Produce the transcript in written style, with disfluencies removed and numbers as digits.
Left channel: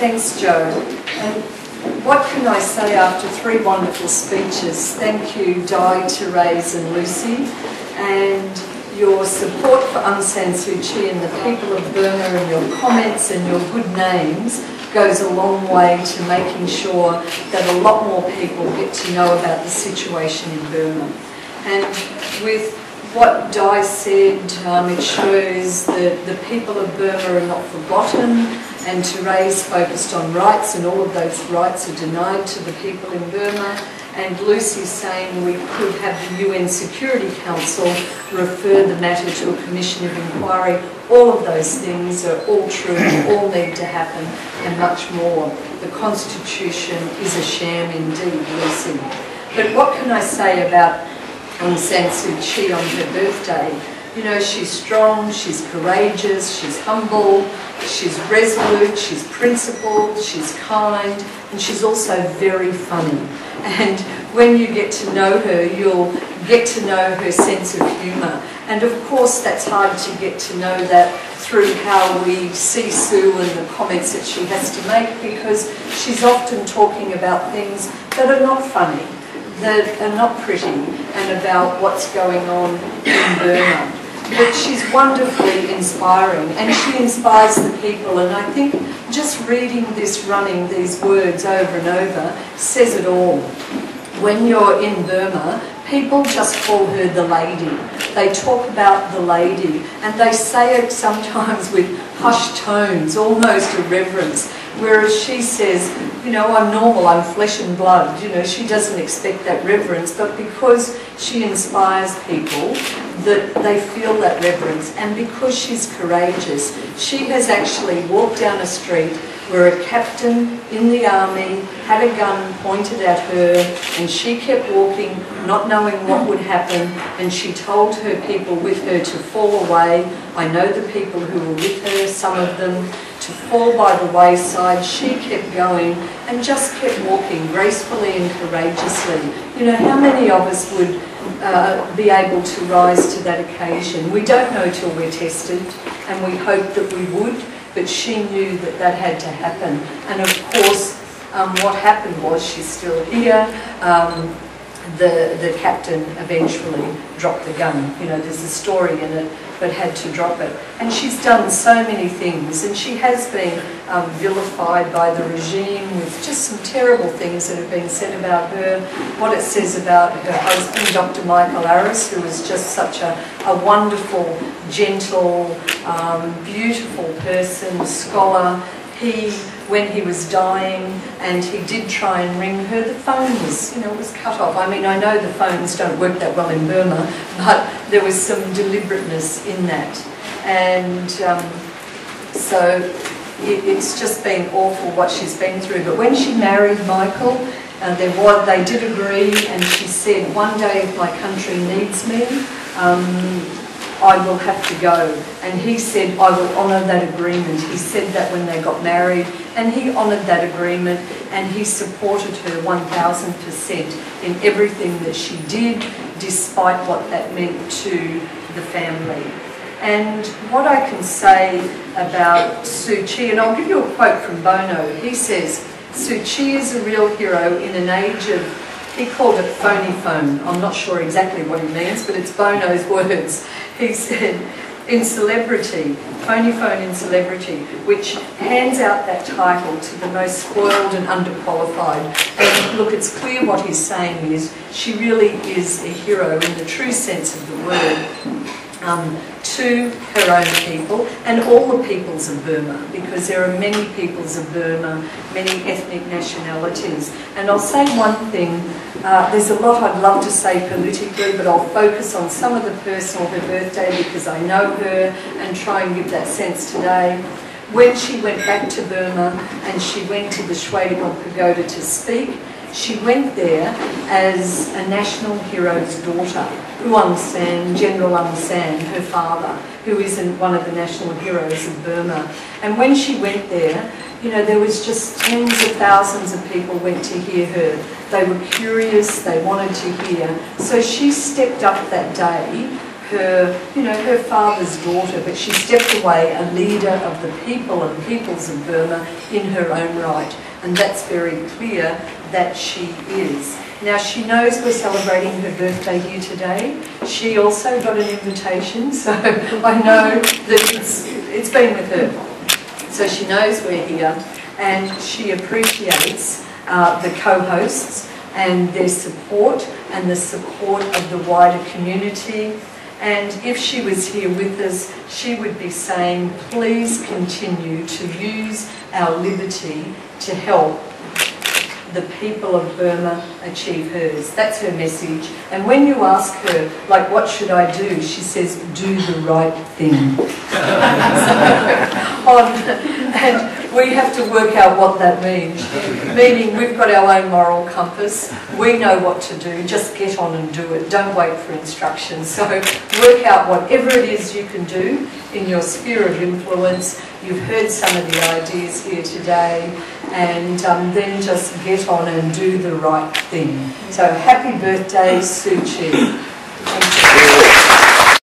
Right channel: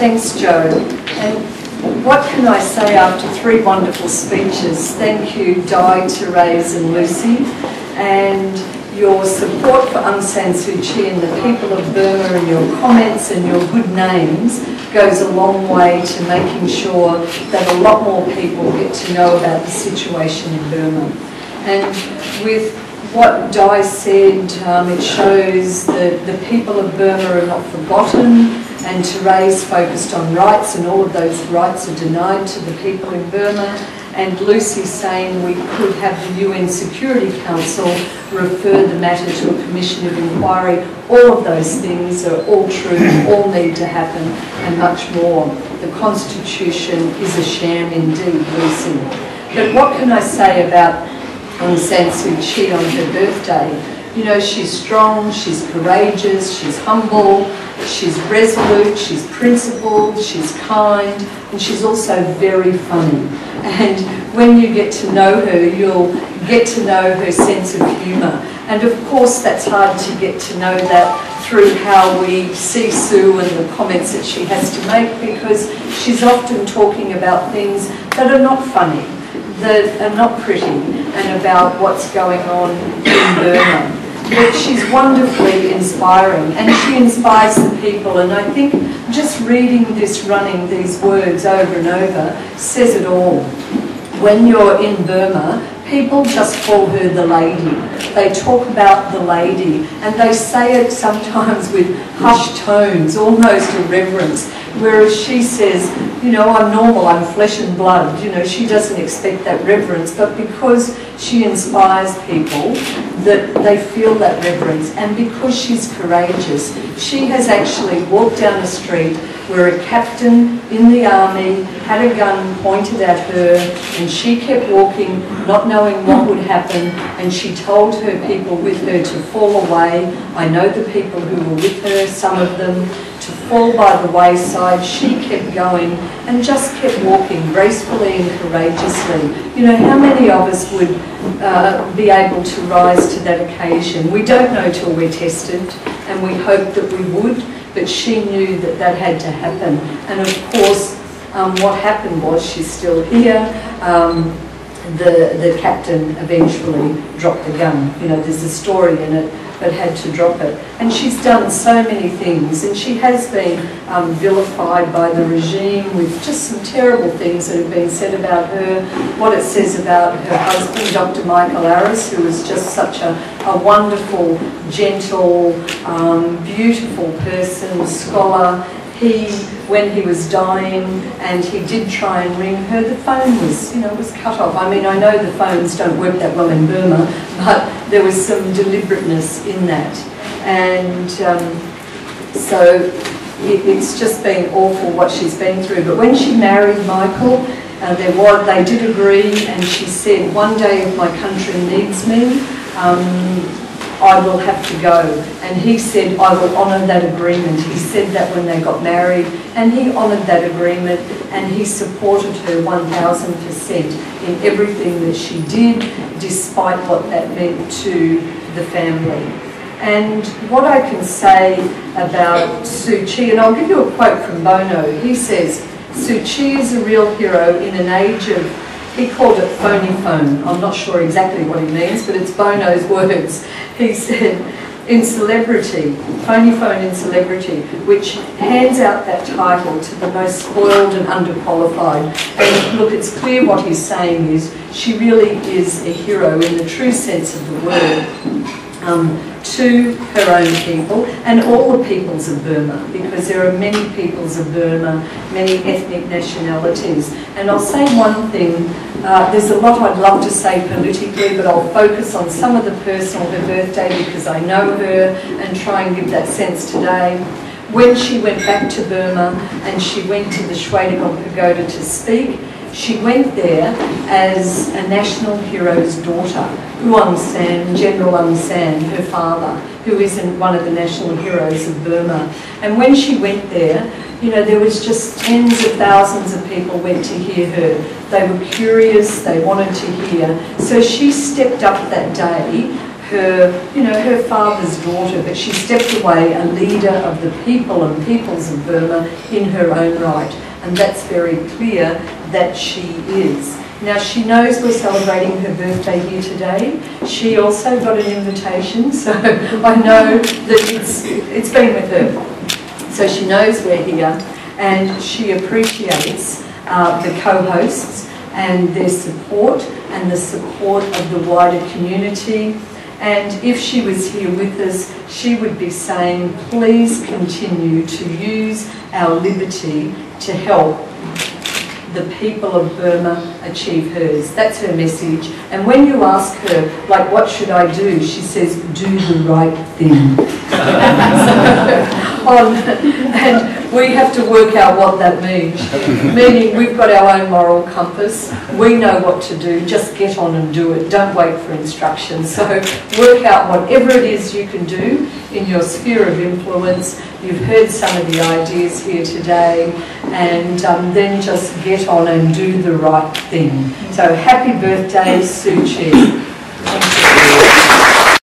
Thanks, Joe. And what can I say after 3 wonderful speeches? Thank you, Di, Therese and Lucy. And your support for Aung San Suu Kyi and the people of Burma, and your comments and your good names goes a long way to making sure that a lot more people get to know about the situation in Burma. And with what Di said, it shows that the people of Burma are not forgotten, and Therese focused on rights, and all of those rights are denied to the people in Burma. And Lucy saying we could have the UN Security Council refer the matter to a commission of inquiry. All of those things are all true, all need to happen, and much more. The Constitution is a sham indeed, Lucy. But what can I say about Aung San Suu Kyi on her birthday? You know, she's strong, she's courageous, she's humble, she's resolute, she's principled, she's kind, and she's also very funny. And when you get to know her, you'll get to know her sense of humour. And of course, that's hard to get to know that through how we see Sue and the comments that she has to make, because she's often talking about things that are not funny, that are not pretty, and about what's going on in Burma. But she's wonderfully inspiring, and she inspires the people. And I think just reading this, running these words over and over, says it all. When you're in Burma, people just call her the lady. They talk about the lady, and they say it sometimes with hushed tones, almost irreverence, whereas she says, you know, I'm normal, I'm flesh and blood. You know, she doesn't expect that reverence, but because she inspires people, that they feel that reverence, and because she's courageous, she has actually walked down a street where a captain in the army had a gun pointed at her, and she kept walking, not knowing what would happen, and she told her people with her to fall away. I know the people who were with her, some of them, to fall by the wayside. She kept going and just kept walking gracefully and courageously. You know, how many of us would be able to rise to that occasion? We don't know till we're tested, and we hope that we would, but she knew that that had to happen. And of course, what happened was, she's still here. The captain eventually dropped the gun. You know, there's a story in it, but had to drop it. And she's done so many things, and she has been vilified by the regime with just some terrible things that have been said about her. What it says about her husband, Dr. Michael Aris, who was just such a wonderful, gentle, beautiful person, scholar. When he was dying, and he did try and ring her, the phone was, you know, was cut off. I mean, I know the phones don't work that well in Burma, but there was some deliberateness in that. And so it's just been awful what she's been through. But when she married Michael, they did agree, and she said, one day if my country needs me, I will have to go. And he said, I will honour that agreement. He said that when they got married, and he honoured that agreement, and he supported her 1000% in everything that she did, despite what that meant to the family. And what I can say about Suu Kyi, and I'll give you a quote from Bono. He says, Suu Kyi is a real hero in an age of, he called it phony phone. I'm not sure exactly what he means, but it's Bono's words. He said, in celebrity, phony phone in celebrity, which hands out that title to the most spoiled and underqualified. And look, it's clear what he's saying is, she really is a hero in the true sense of the word. To her own people and all the peoples of Burma, because there are many peoples of Burma, many ethnic nationalities. And I'll say one thing, there's a lot I'd love to say politically, but I'll focus on some of the personal, her birthday, because I know her, and try and give that sense today. When she went back to Burma and she went to the Shwedagon Pagoda to speak, she went there as a national hero's daughter. Aung San, General Aung San, her father, who is one of the national heroes of Burma. And when she went there, you know, there was just tens of thousands of people went to hear her. They were curious, they wanted to hear. So she stepped up that day. her father's daughter, but she stepped away a leader of the people and peoples of Burma in her own right. And that's very clear that she is. Now, she knows we're celebrating her birthday here today. She also got an invitation, so I know that it's been with her. So she knows we're here, and she appreciates the co-hosts and their support and the support of the wider community. And if she was here with us, she would be saying, please continue to use our liberty to help the people of Burma achieve hers. That's her message. And when you ask her, like, what should I do? She says, do the right thing. And we have to work out what that means. Meaning we've got our own moral compass. We know what to do. Just get on and do it. Don't wait for instructions. So work out whatever it is you can do in your sphere of influence. You've heard some of the ideas here today, and then just get on and do the right thing. So happy birthday, Suu Kyi. Thank you.